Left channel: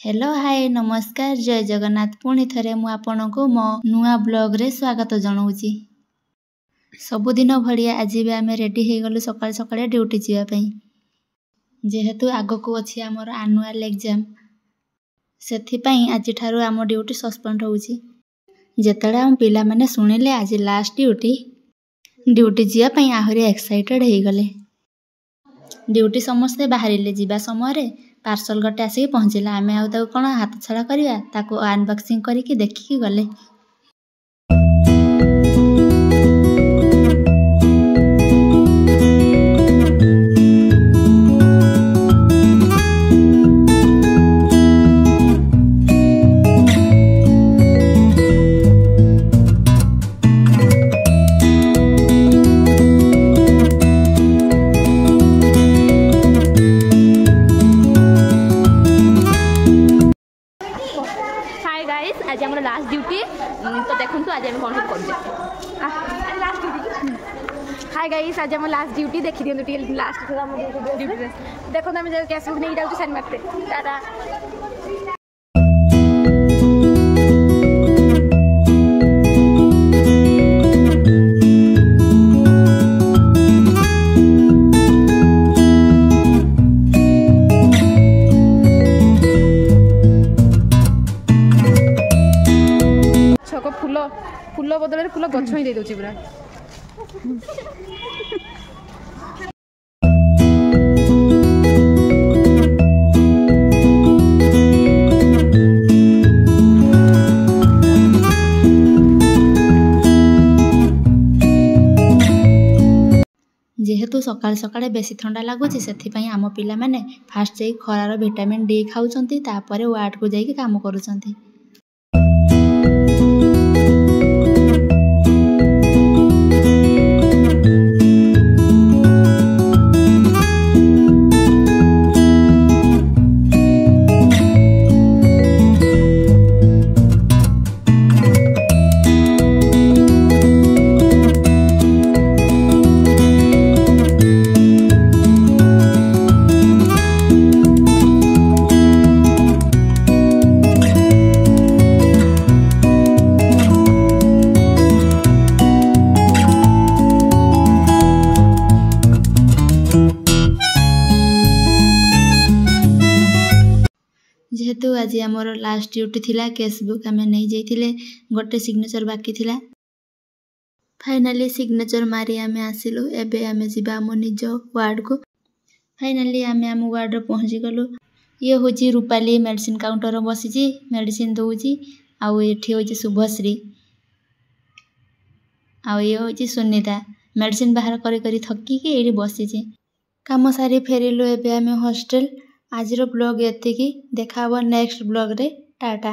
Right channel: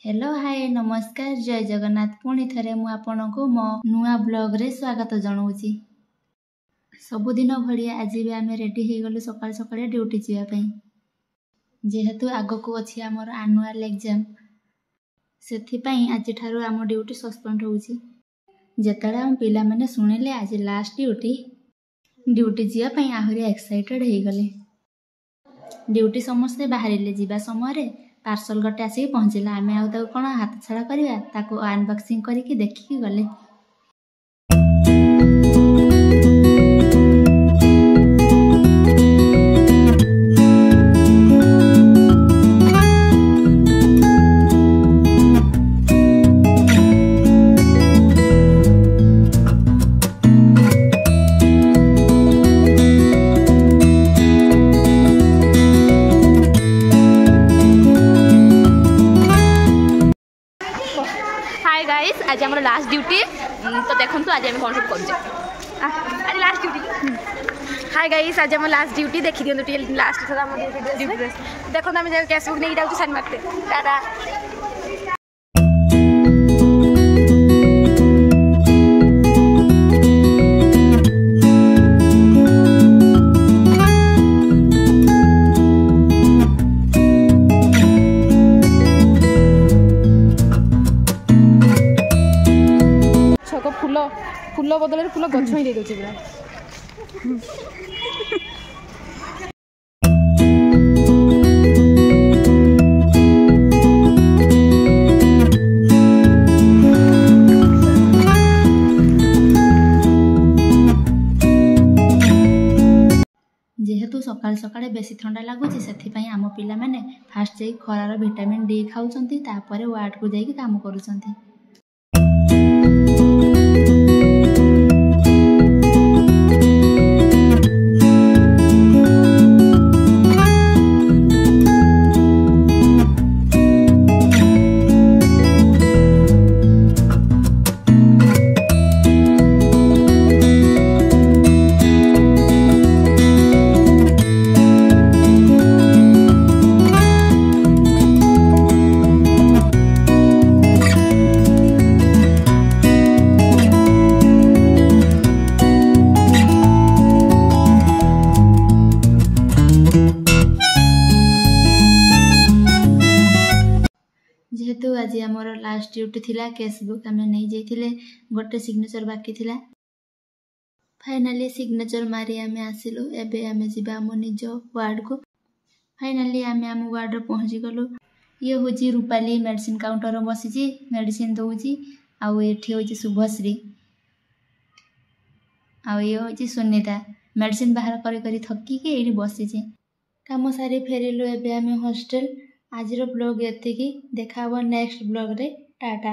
Hello hi नमस्कार जय जगन्नाथ पुणी थे मु आपनको मो नुआ ब्लॉग रे स्वागत जनाऊँगी। सबुदिन भाया आज भी आम रेडी हो गलु सकाल सकाल ड्यूटी जावाई जेहेतु आग को अच्छी आमर आनुआल एग्जाम से आज ठारू आम ड्यूटी सस्पेंड होउची। जेतेबेले आम पिला माने सुनिले आज लास्ट ड्यूटी जावाई आहरी एक्साइटेड हो गले। ड्यूटी समस्ते बाहरिले जीवा समय पार्सल गटे आसिक पहुँचला आम कौन हाथ छड़ा करवा अनबॉक्सिंग करके देखिकी गले। हाय गाइस आज हमारा लास्ट ड्यूटी तो देखो तो आज हम कौन सब कर आज लास्ट ड्यूटी। हाय गाइस आज हम लास्ट ड्यूटी देखी दिखाँ लास्ट थोड़ा ड्यूटी देखो आम फेसबुक नहीं जाऊँ साइन मारते टाटा। फूल बदल फूल गछ ही दे पूरा जेहेतु सकाल सकाल बेसी ठंडा लगुच से आम पिला माने फास्ट जाई खरार विटामिन डी खाऊंती तापर वार्ड को जाइए काम करुँच। जेहेतु आज आमर लास्ट ड्यूटी थिला केस बुक आम नहीं जाइए गोटे सिग्नेचर बाकी थिला फाइनाली सिग्नेचर मारी आम आसिलु। एबे आम जीवा आम निज वार्ड को फाइनाली आम वार्ड रे पहुँची गलु। ये हूँ रूपाली मेडिसिन काउंटर बसी मेडिसिन दौची आठी हूँ शुभश्री ये हूँ सुनीता मेडिसिन बाहर करी थकिकी ये बसी काम सारी फेरिलु। एबे आम हॉस्टल। आज ब्लॉग एतिकी देखा नेक्स्ट ब्लॉग रे टाटा।